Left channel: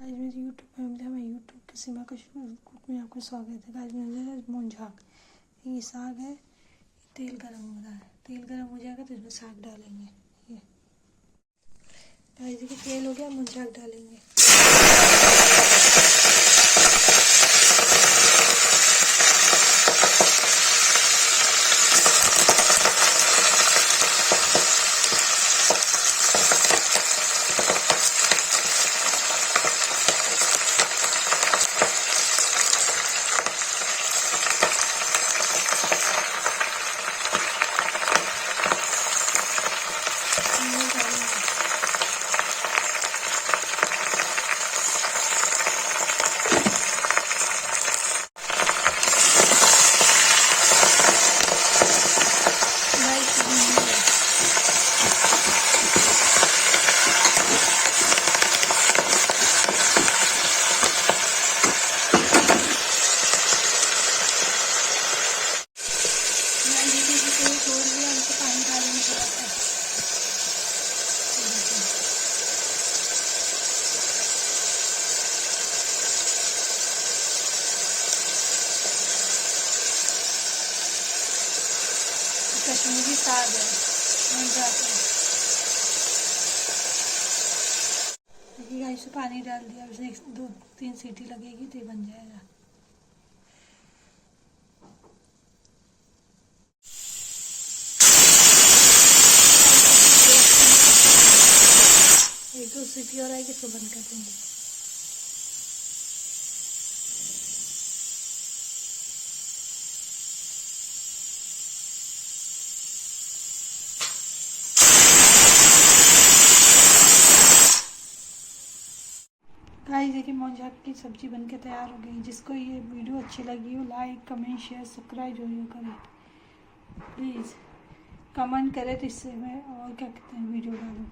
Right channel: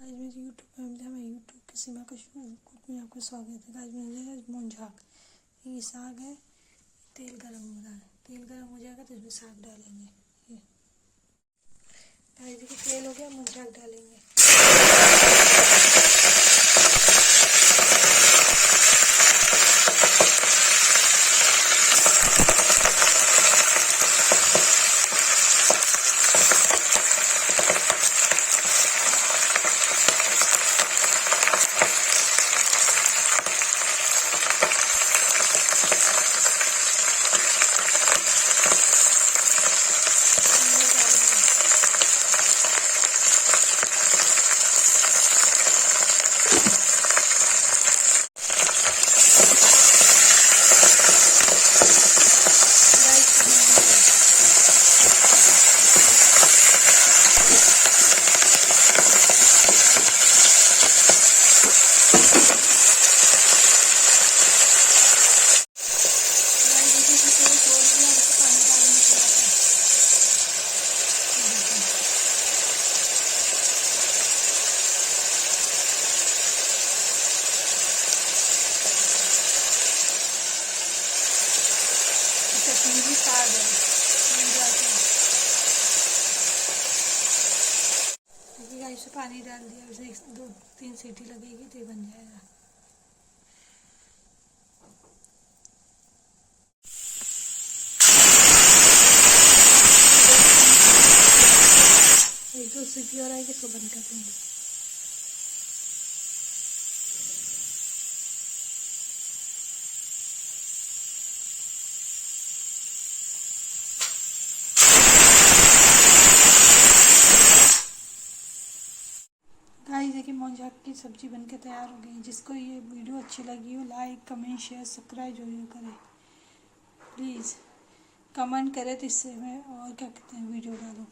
आज मेरी YouTube family हमें यूट्यूब की सीमा का कुक में आपका स्वागत है। आज मुझे मुंझाक ये साग है। तेल गरम हो रहा है, तेल गरम हो जाएगा तो इसमें साग डालेंगे। ये देखिए तेल हो गया, मुंझाक डालेंगे। कश्मीरी साग है, मुंझाक है। देखिएगा इसमें पानी डाल दिया, इसमें 1-2-3 सीटी लगेगी तो ये बन जाएगा। एक दो सीटी और आएगी तो बंद कर देंगे। गाइस देखिए मुंझाक की सब्जी बनके तैयार हो गई। जिसको ये वीडियो अच्छी लगी हो लाइक कमेंट शेयर सब्सक्राइब जरूर करें प्लीज़। कमेंट करें तो इससे मैं और क्या कहते हैं वीडियो डालूँ।